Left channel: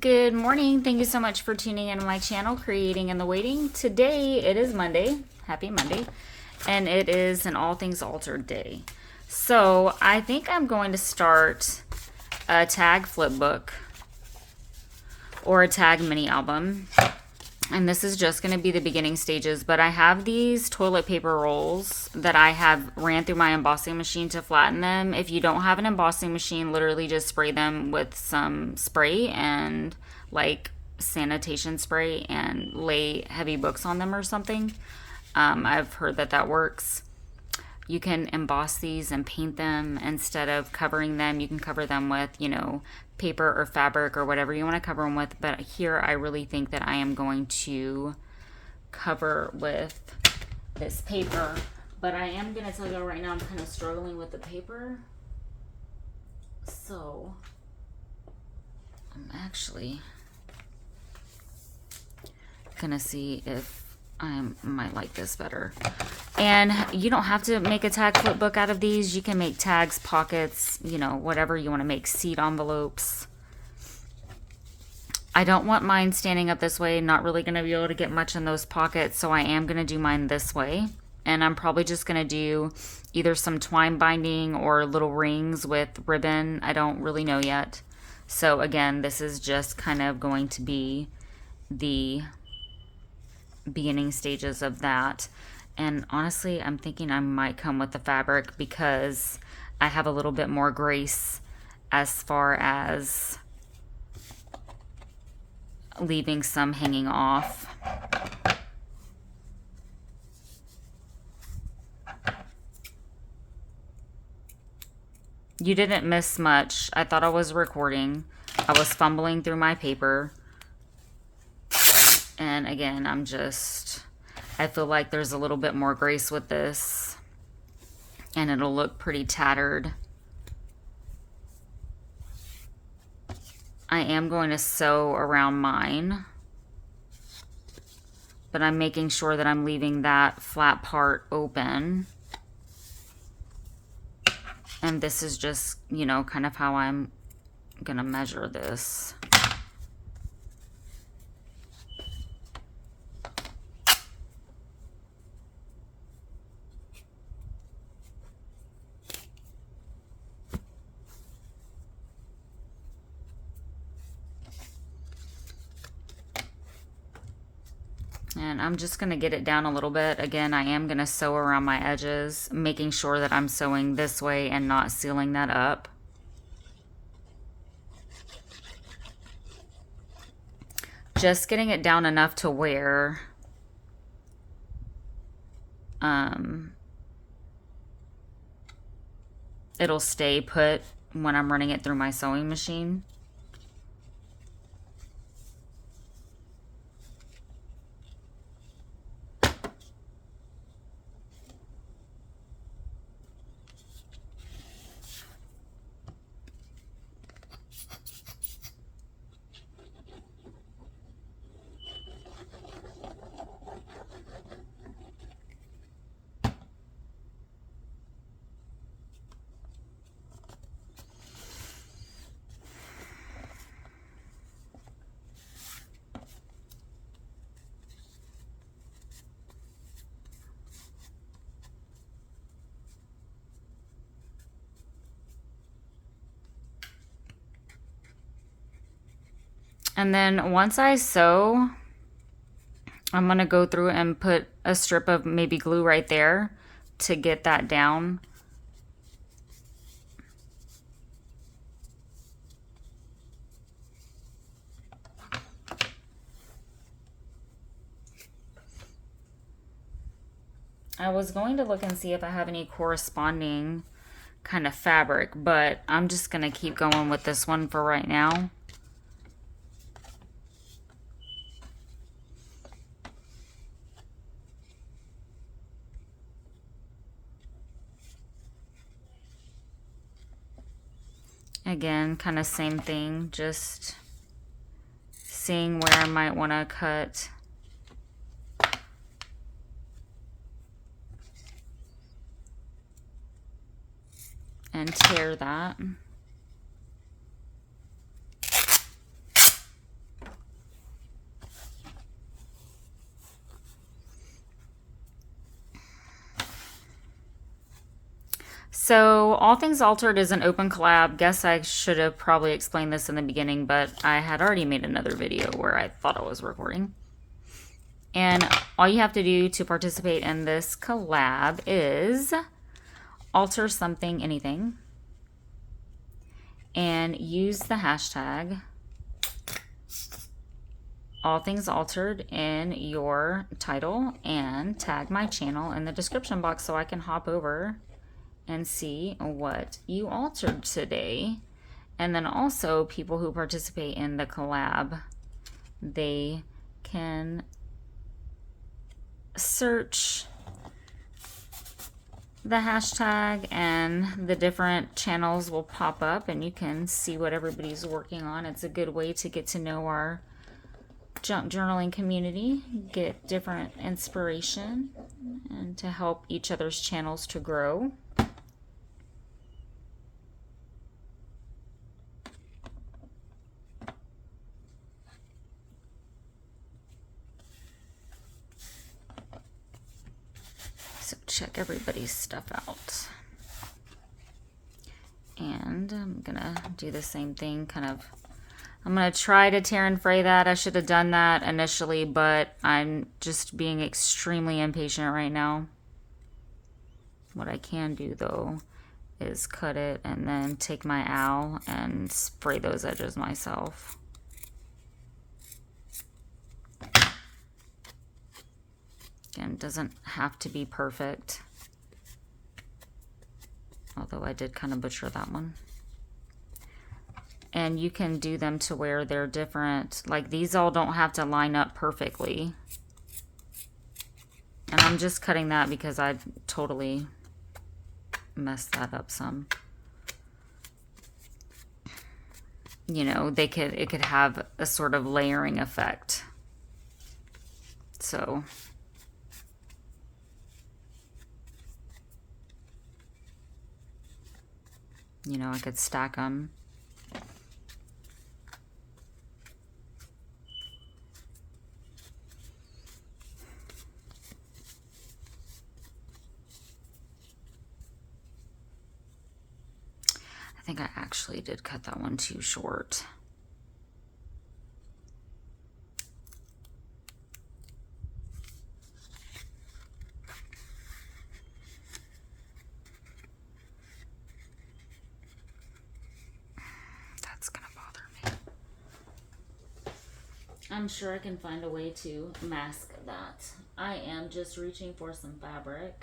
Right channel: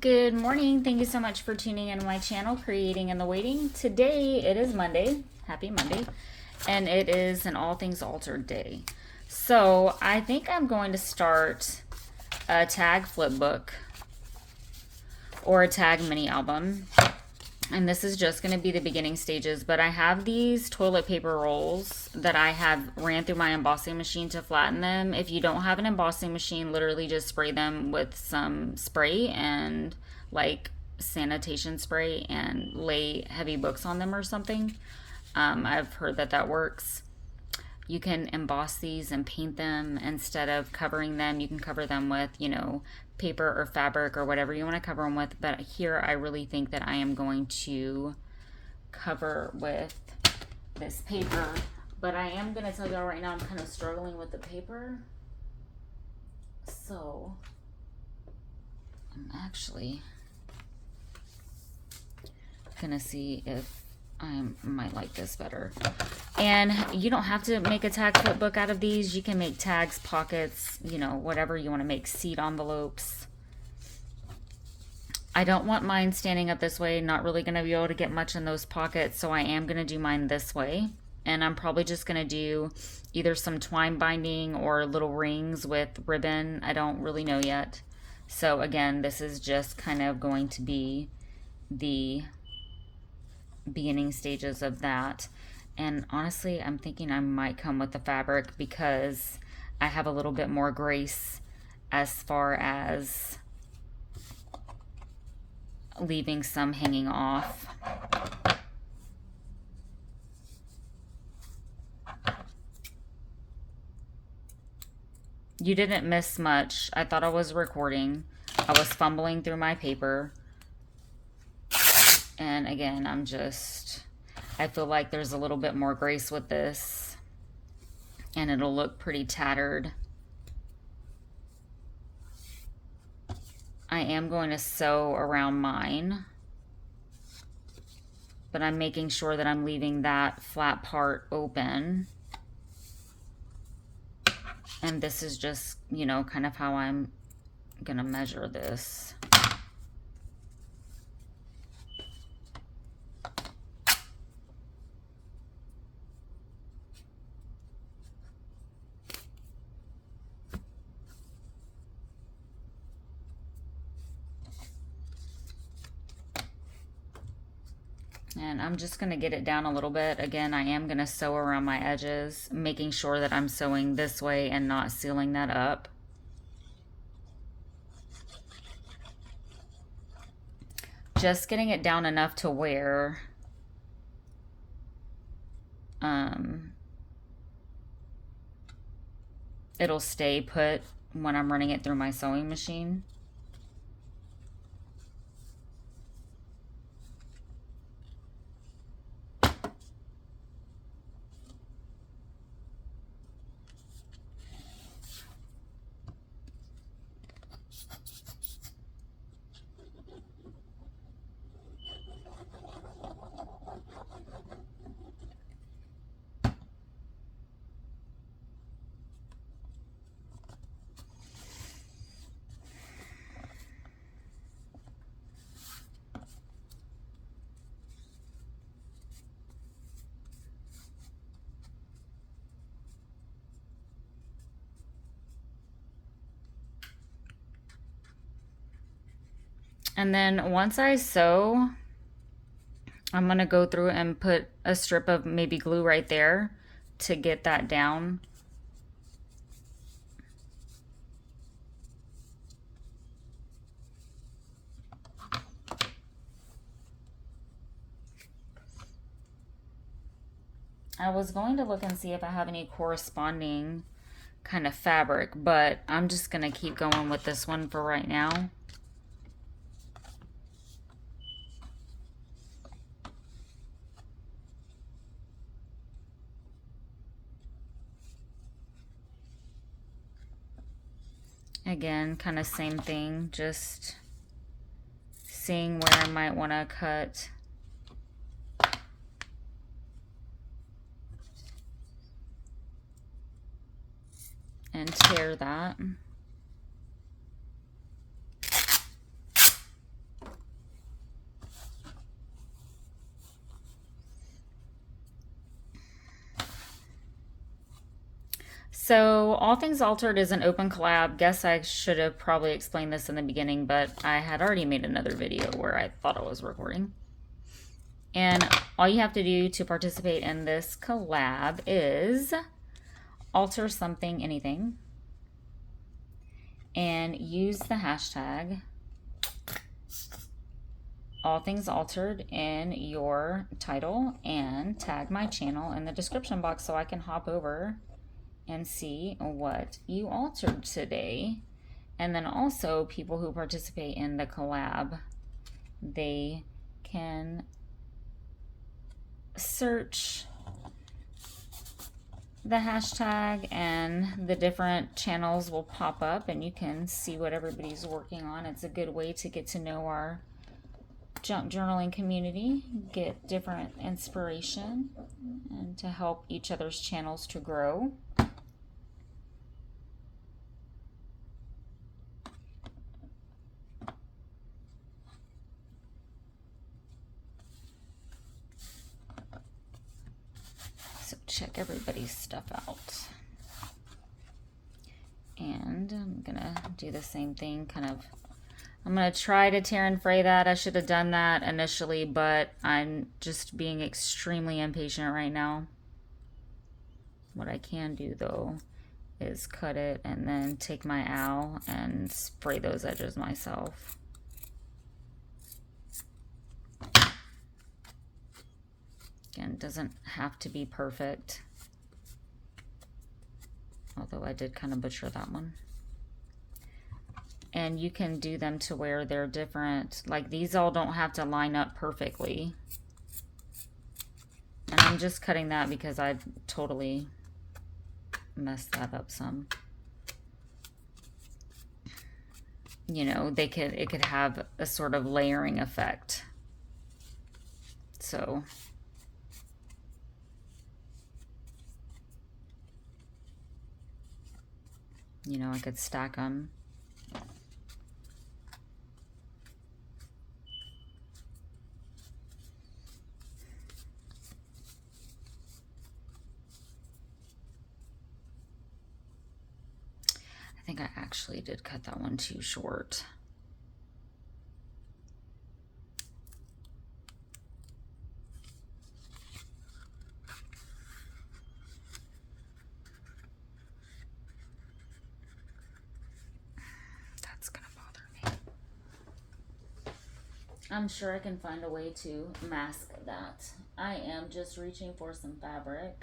Good morning. Thank you so much for tuning in my channel, Creating in the Waiting. Today it is Monday. Happy Monday. And it is an All Things Altered day. So I think I'm going to start a tag flip book or a tag mini album. And this is just going to be the beginning stages, but I have these toilet paper rolls that I have ran through my embossing machine to flatten them. If you don't have an embossing machine, literally just spray them with some spray and like sanitation spray and lay heavy books on them or something. I've heard that that works. You can emboss these and paint them instead of covering them. You can cover them with, paper or fabric or whatever you want to cover them with. But here I really think that I am going to cover with this paper. But I am going to tell you right now, I'm kind of struggling with the paper. So I'm actually going to see if I might like this better. And you don't have to make a tag flip book out of these. You can make tags, pockets, whatever you want to make, seed envelopes. I don't want mine standing up this way. Not really going to be able to get much in those pockets, so I am going to do mine this way. And I'm probably just going to do either some twine binding or little rings with ribbon. I don't really know yet. So again, this is just kind of going to be the beginning stages of that. And honestly, I'm thinking I might come with the fabric because I have a little bit more grace as far as leaving some hanging off. You didn't miss much. I thought I was recording. I was fumbling through my paper. And again, I feel like there's a little bit more grace with this. And it'll look pretty tattered. I am going to sew around mine. But I'm making sure that I'm leaving that flat part open. And this is just, kind of how I'm going to measure this. And I'm just going to get it down a little bit. Again, I am going to sew around my edges, making sure that I'm sewing this way and not sealing that up. Just getting it down enough to where it'll stay put when I'm running it through my sewing machine. And then once I sew, I'm going to go through and put a strip of maybe glue right there to get that down. I was going to look and see if I have any corresponding kind of fabric, but I'm just going to keep going with this one for right now. Again, kind of same thing, just seeing where I might want to cut. And tear that. So, All Things Altered is an open collab. Guess I should have probably explained this in the beginning, but I had already made another video where I thought I was recording. And all you have to do to participate in this collab is alter something, anything, and use the hashtag All Things Altered in your title and tag my channel in the description box so I can hop over and see what you altered today. And then also people who participate in the collab, they can search the hashtag and the different channels will pop up and you can see what everybody's working on. It's a good way to get to know our junk journaling community, get different inspiration, and to help each other's channels to grow. So check everybody's stuff out. And I'm gonna do the same thing, I'm gonna try to tear and fray that. I should have done that initially, but I'm just being extremely impatient right now. What I can do though is cut it and then take my owl and spray those edges myself. Again, doesn't have to be perfect. Although I did kind of butcher that one. And you can do them to where they're different. Like these all don't have to line up perfectly. And I'm just cutting that because I totally messed that up some. You know, it could have a sort of layering effect. So you know, I could stack them. I think I actually did cut that one too short. That's gonna bother me. I'm sure I can find a way to mask that. I am just reaching for some fabric.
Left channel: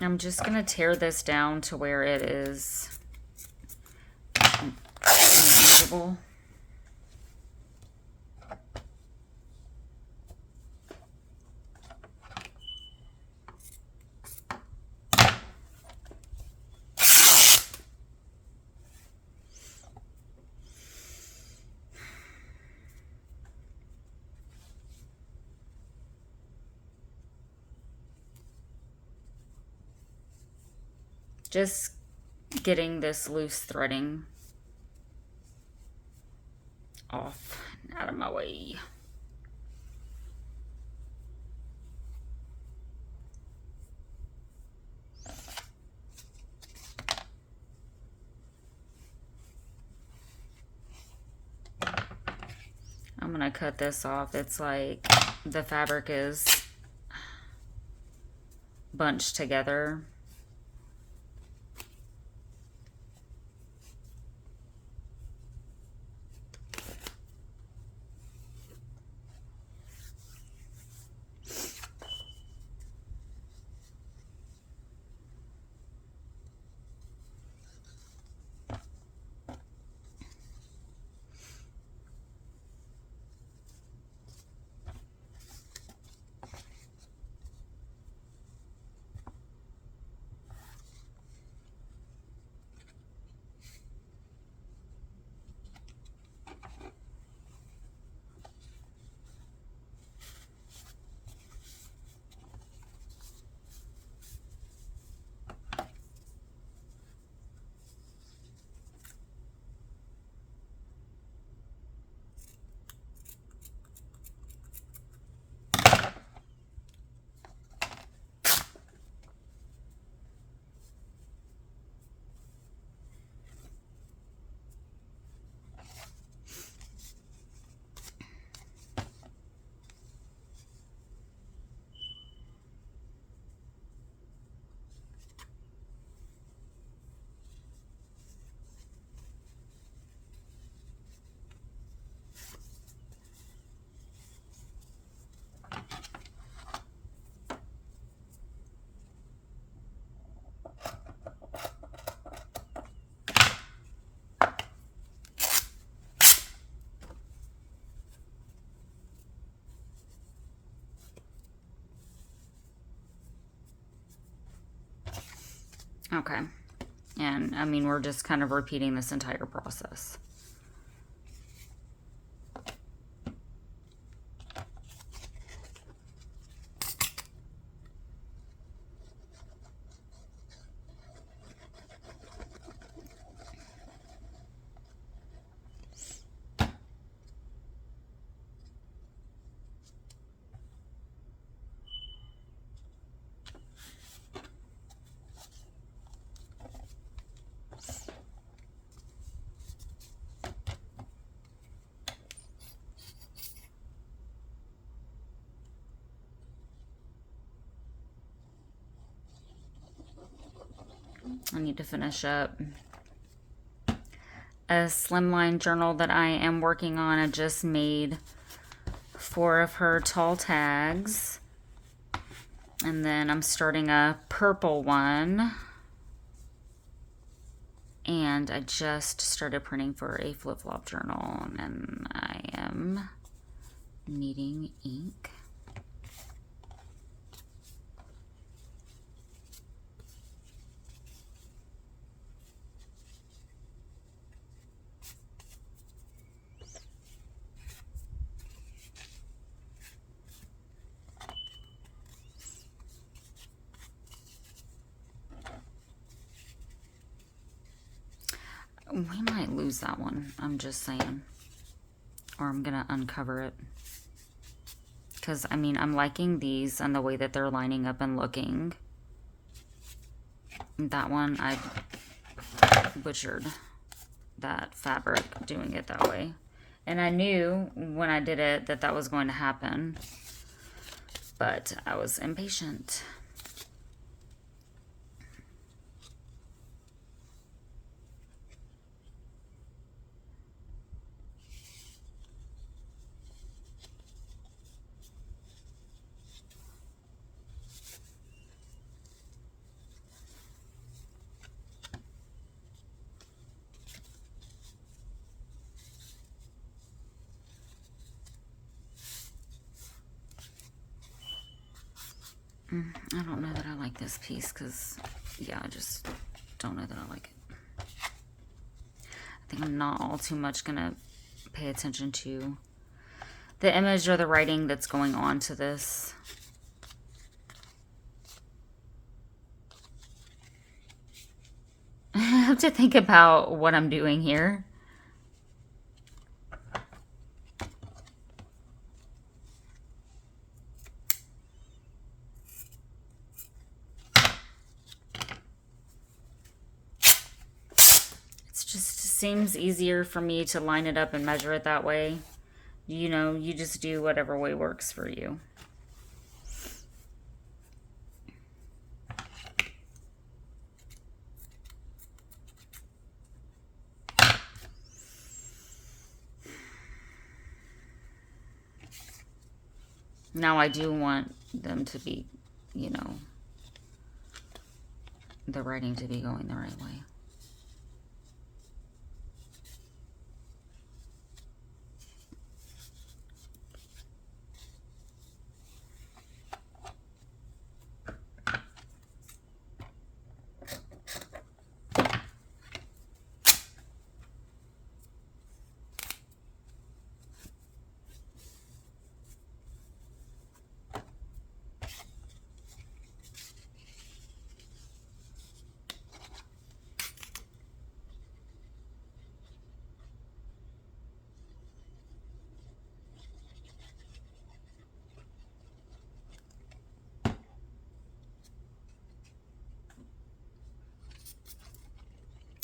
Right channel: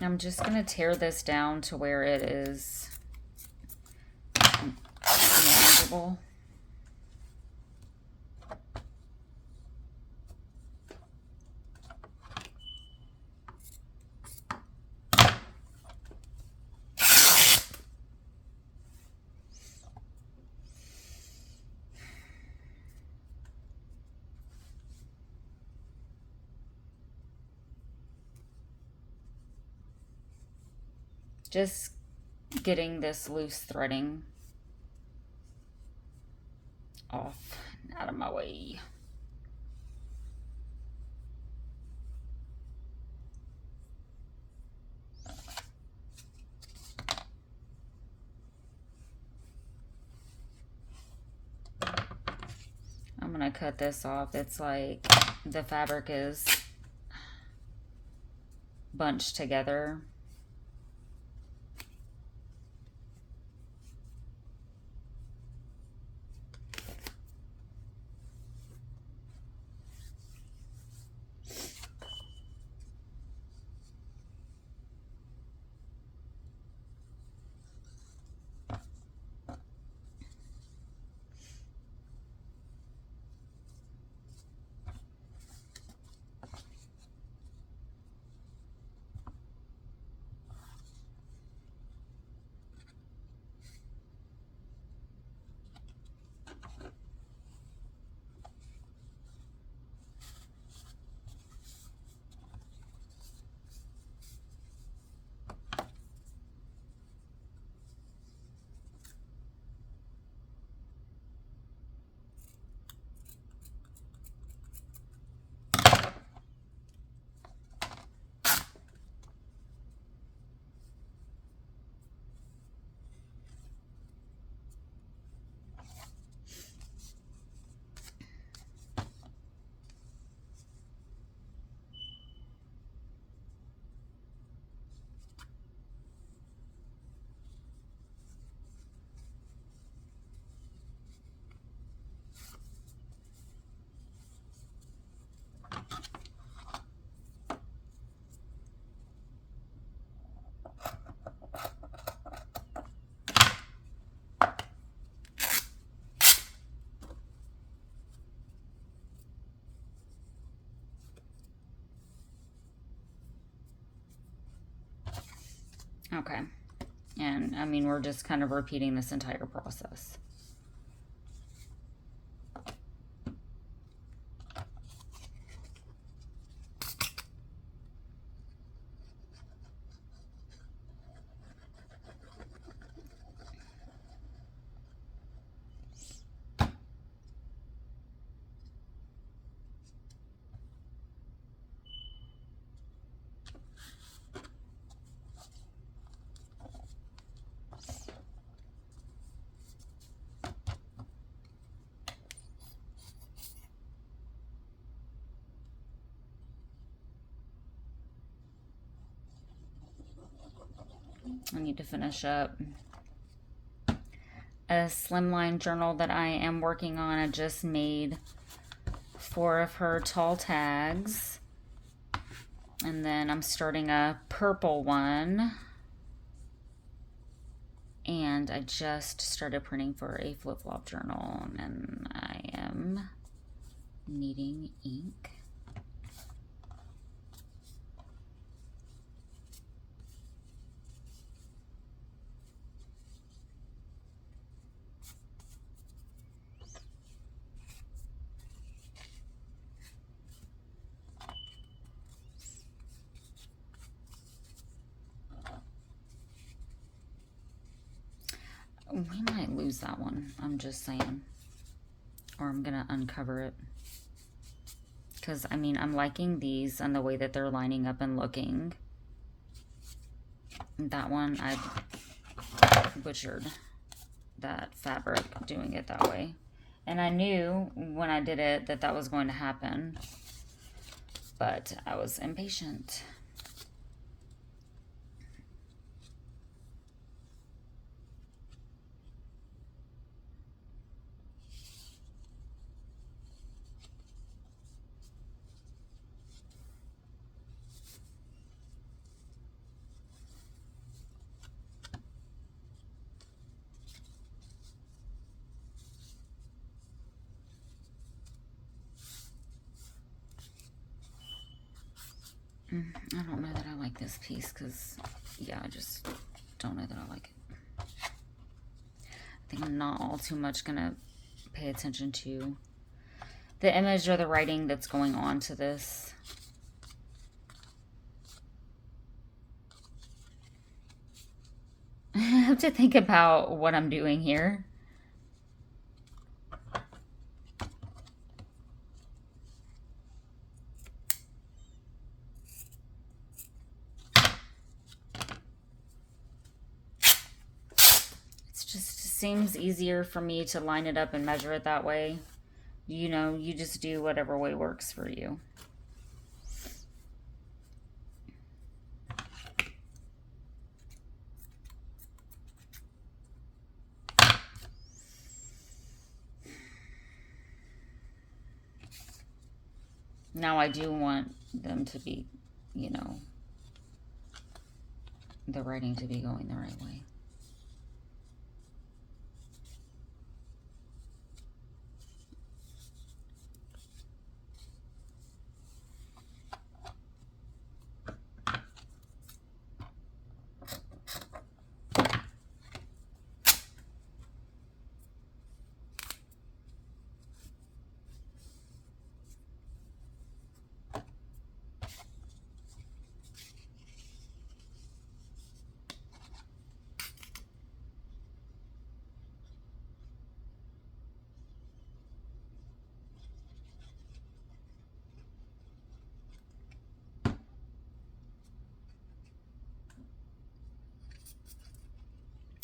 I'm just gonna tear this down to where it is manageable. Just getting this loose threading off and out of my way. I'm gonna cut this off. It's like the fabric is bunched together. Okay. And I mean, we're just kind of repeating this entire process. I need to finish up a slimline journal that I am working on. I just made 4 of her tall tags. And then I'm starting a purple one. And I just started printing for a flip-flop journal. And I am needing ink. We might lose that one, I'm just saying. Or I'm gonna uncover it. Because, I mean, I'm liking these and the way that they're lining up and looking. That one, I butchered that fabric doing it that way. And I knew when I did it that that was going to happen. But I was impatient. I don't know that I like this piece because, yeah, I just don't know that I like it. I think I'm not all too much going to pay attention to the image or the writing that's going on to this. I have to think about what I'm doing here. Seems easier for me to line it up and measure it that way. You know, you just do whatever way works for you. Now I do want them to be, you know, the writing to be going the right way.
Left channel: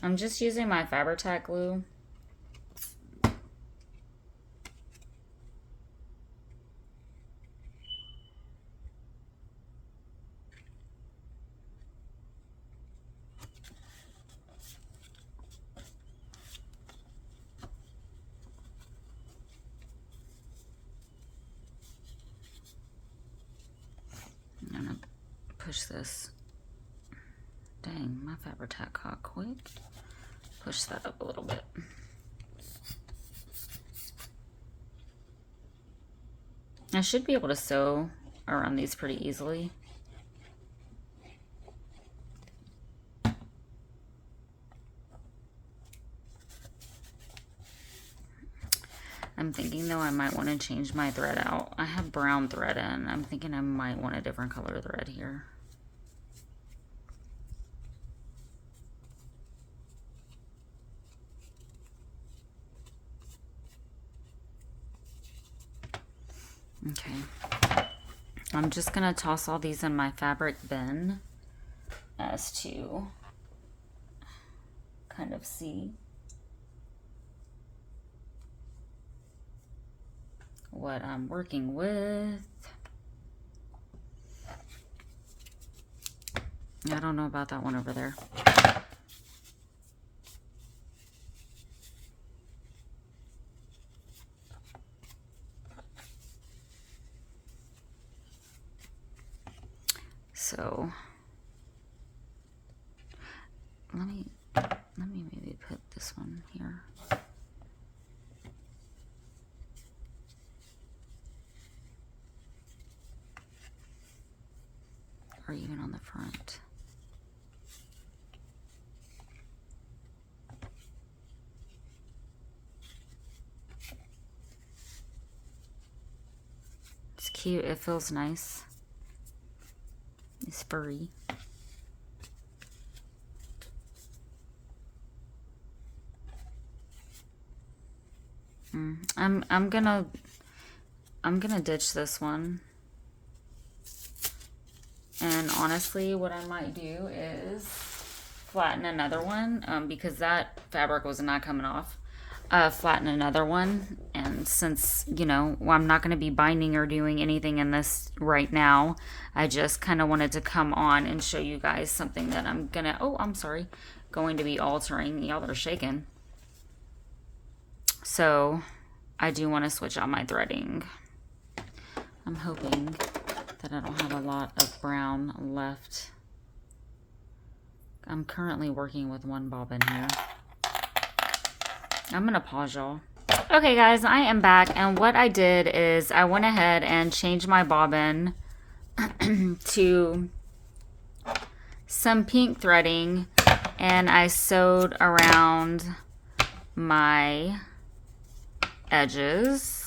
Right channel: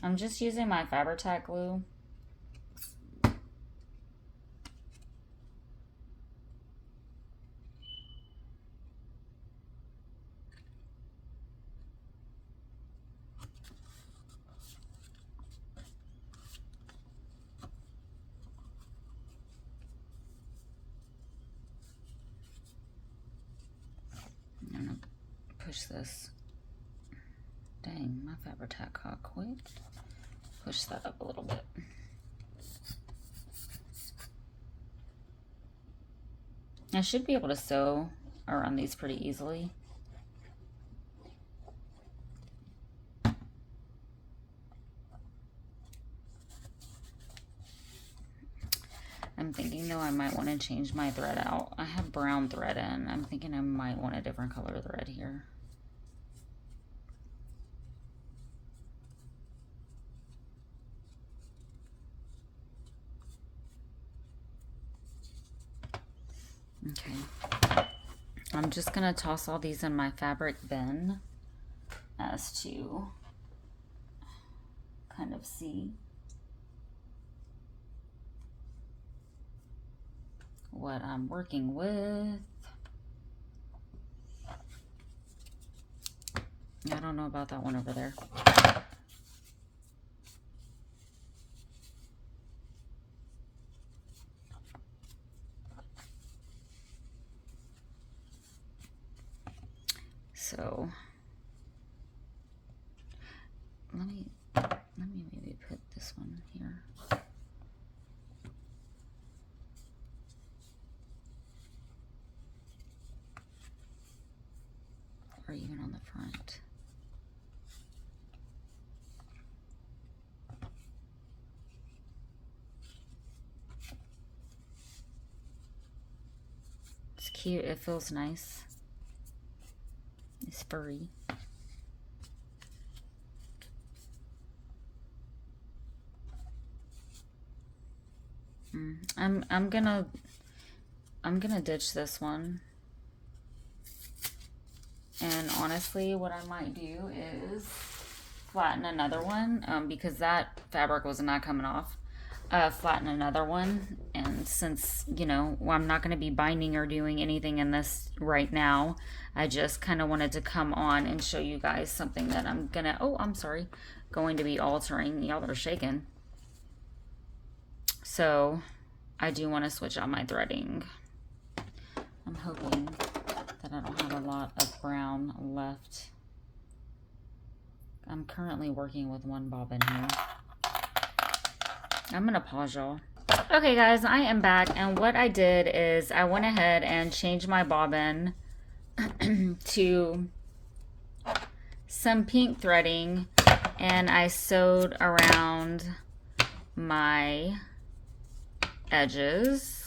I'm just using my Fabri-Tac glue. I'm gonna push this. Dang, my Fabri-Tac got quick. Push that up a little bit. I should be able to sew around these pretty easily. I'm thinking though I might want to change my thread out. I have brown thread in. I'm thinking I might want a different color thread here. Okay. I'm just going to toss all these in my fabric bin as to kind of see what I'm working with. I don't know about that one over there. So let me maybe put this one here. Or even on the front. It's cute. It feels nice. It's furry. I'm gonna ditch this one. And honestly, what I might do is flatten another one because that fabric was not coming off. Flatten another one, and since, you know, I'm not going to be binding or doing anything in this right now, I just kind of wanted to come on and show you guys something that I'm going to be altering. Y'all are shaking. So I do want to switch out my threading. I'm hoping that I don't have a lot of brown left. I'm currently working with one bobbin here. I'm gonna pause y'all. Okay guys, I am back, and what I did is I went ahead and changed my bobbin to some pink threading, and I sewed around my edges.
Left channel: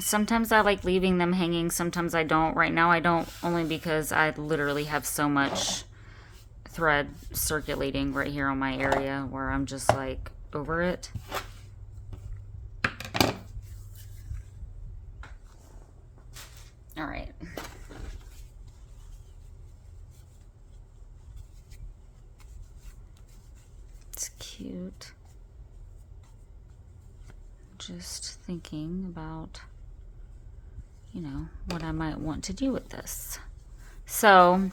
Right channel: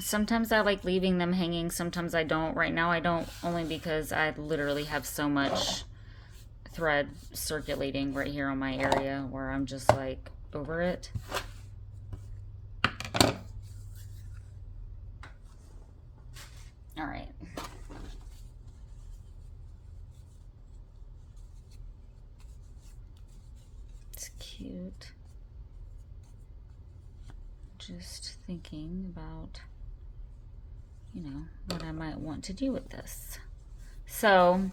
Sometimes I like leaving them hanging, sometimes I don't. Right now I don't, only because I literally have so much thread circulating right here on my area where I'm just like over it. All right. It's cute. Just thinking about, you know, what I might want to do with this. So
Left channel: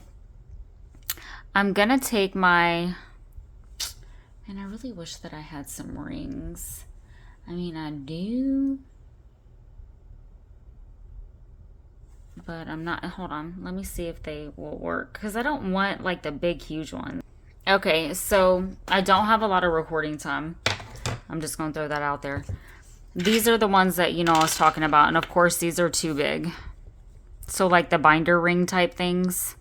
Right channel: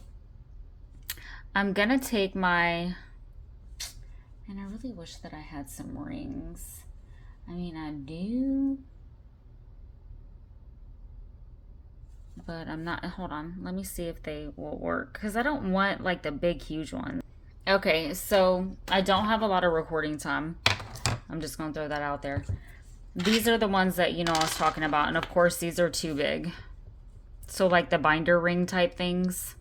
I'm gonna take my, and I really wish that I had some rings. I mean, I do, but I'm not. Hold on, let me see if they will work, because I don't want like the big huge ones. Okay, so I don't have a lot of recording time. I'm just gonna throw that out there. These are the ones that, you know, I was talking about. And of course, these are too big. So like the binder ring type things,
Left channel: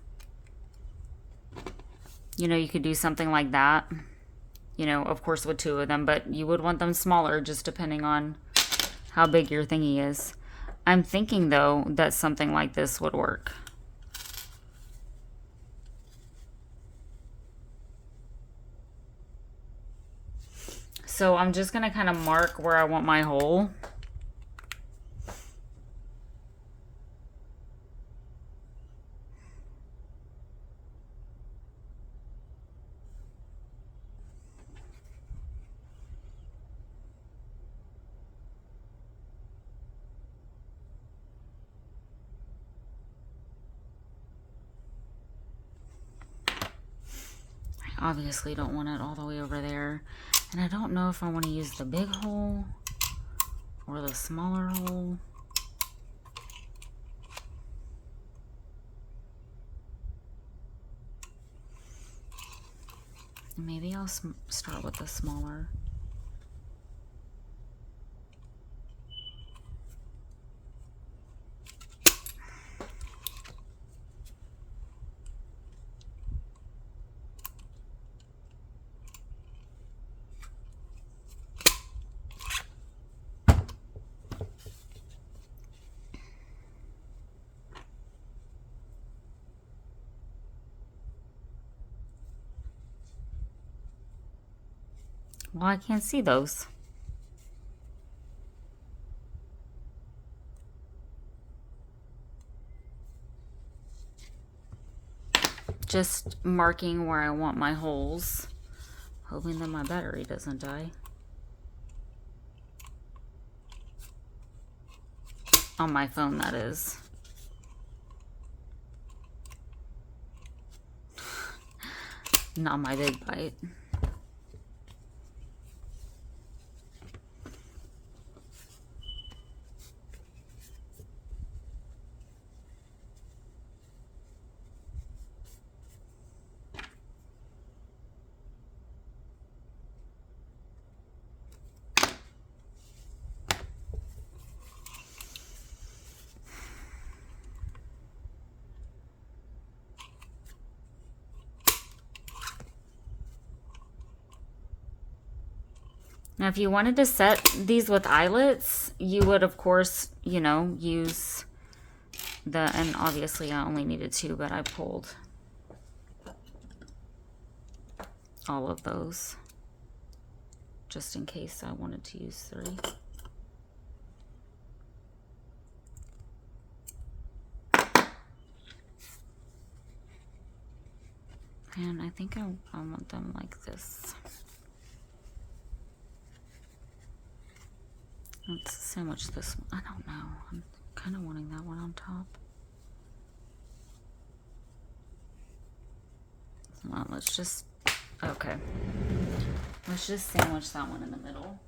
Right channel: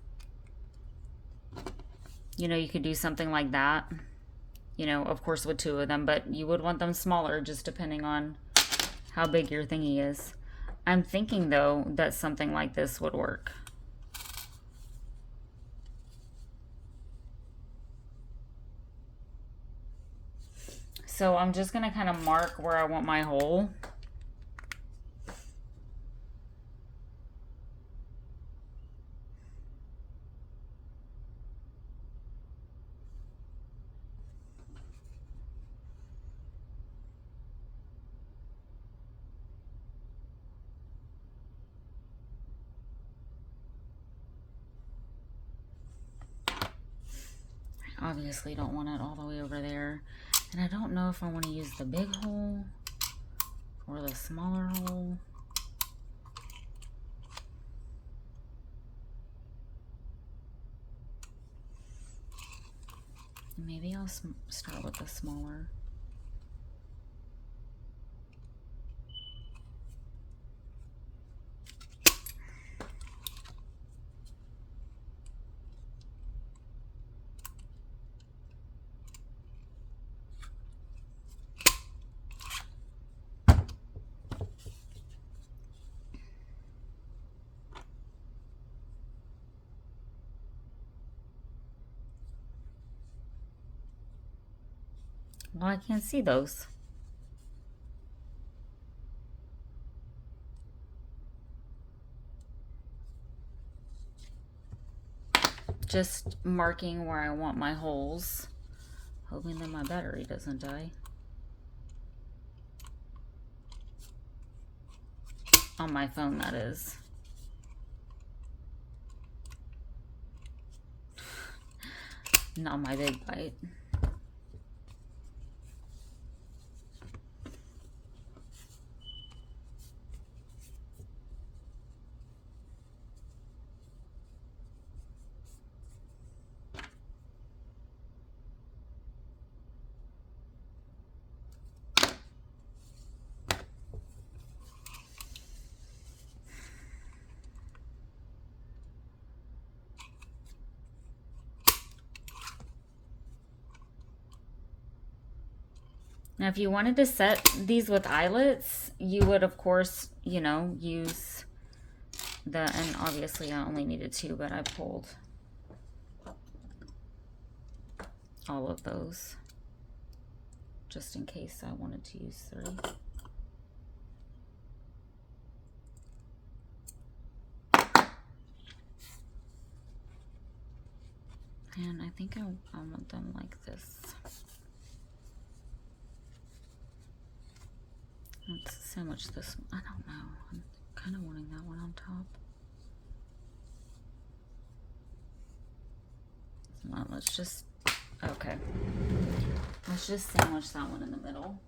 you know, you could do something like that. You know, of course with two of them, but you would want them smaller just depending on how big your thingy is. I'm thinking though that something like this would work. So I'm just going to kind of mark where I want my hole. I obviously don't want it all the way over there. And I don't know if I want to use the big hole or the smaller hole. Maybe I'll start with the smaller. Well, I can't see those. Just marking where I want my holes, hoping that my battery doesn't die. On my phone, that is. Not my big bite. Now, if you wanted to set these with eyelets, you would, of course, you know, use the, and obviously I only needed 2, but I pulled all of those just in case I wanted to use 3. And I think I want them like this. Let's sandwich this one. I don't know. I'm kind of wanting that one on top. Well, let's just, okay. Let's just sandwich that one in the middle.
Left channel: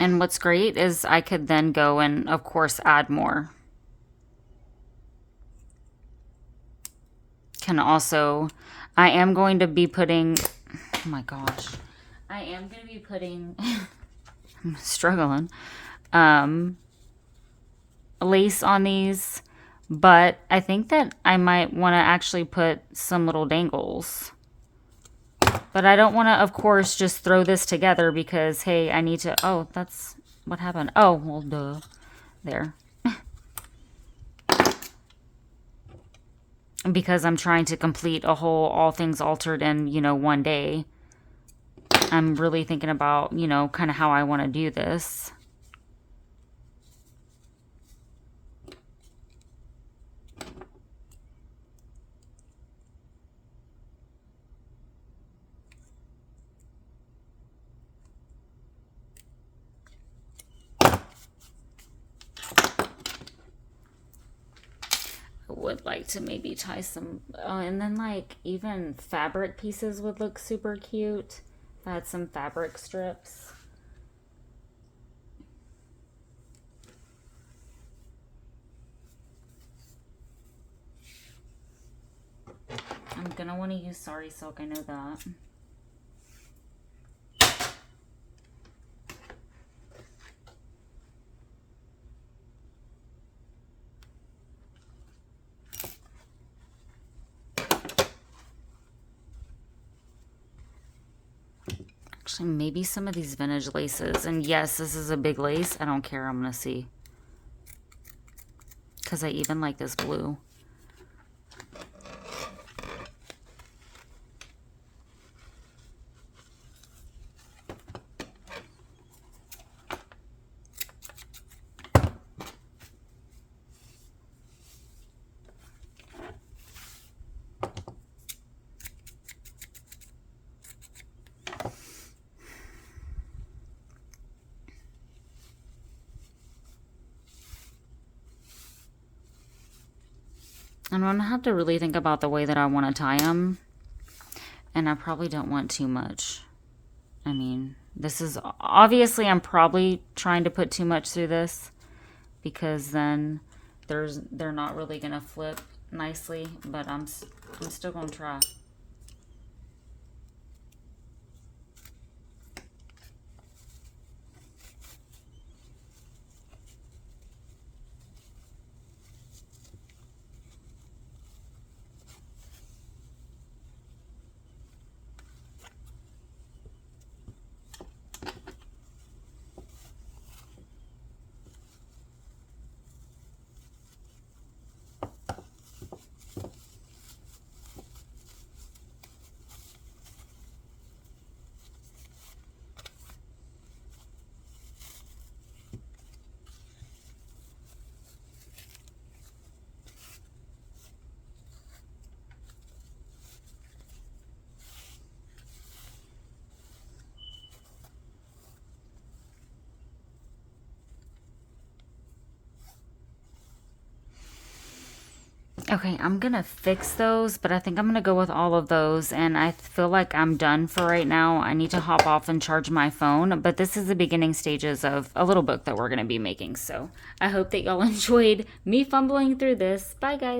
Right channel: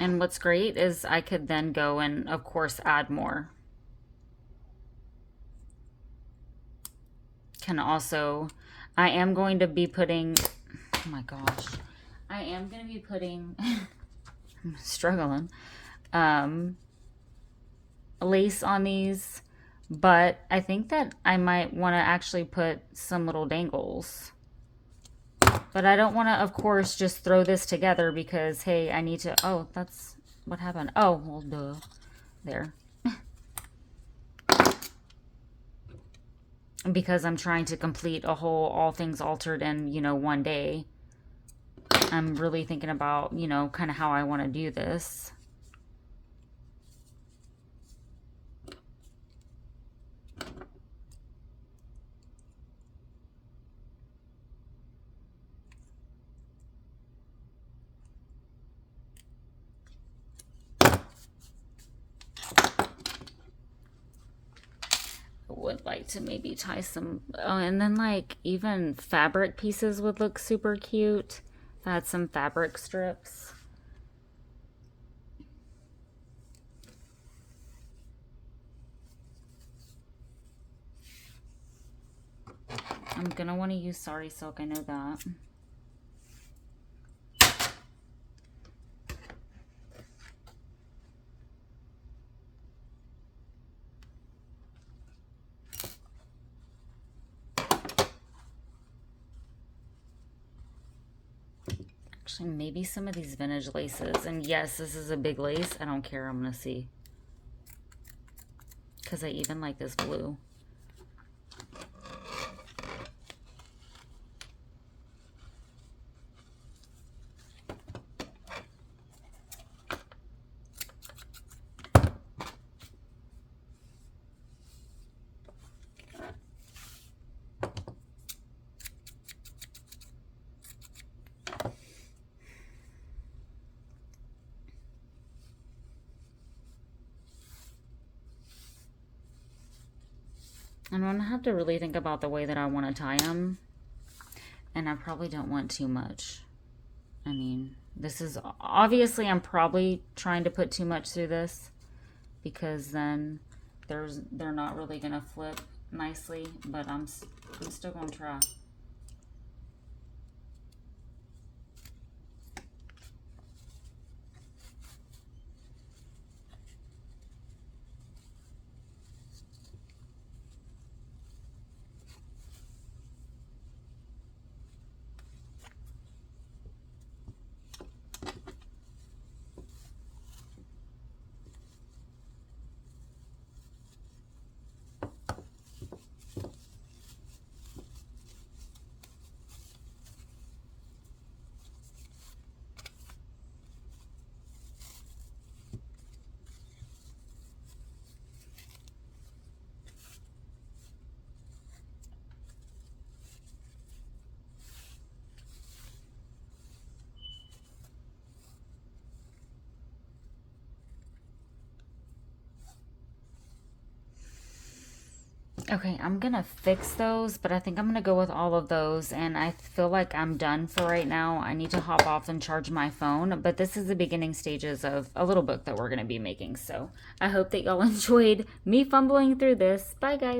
And what's great is I could then go and, of course, add more. Can also, I am going to be putting, oh my gosh, I am going to be putting, I'm struggling, lace on these, but I think that I might want to actually put some little dangles. But I don't want to, of course, just throw this together because, hey, I need to... Oh, that's what happened. Oh, well, duh. There. Because I'm trying to complete a whole All Things Altered in, you know, one day. I'm really thinking about, you know, kind of how I want to do this. Would like to maybe tie some, and then like even fabric pieces would look super cute. If I had some fabric strips. I'm gonna want to use Sari Silk, I know that. Maybe some of these vintage laces. And yes, this is a big lace. I don't care. I'm going to see. Because I even like this blue. I'm going to have to really think about the way that I want to tie them. And I probably don't want too much. I mean, this is obviously I'm probably trying to put too much through this because then they're not really going to flip nicely, but I'm still going to try. Okay, I'm gonna fix those, but I think I'm gonna go with all of those, and I feel like I'm done for right now. I need to hop off and charge my phone, but this is the beginning stages of a little book that we're gonna be making, so I hope that y'all enjoyed me fumbling through this. Bye, guys.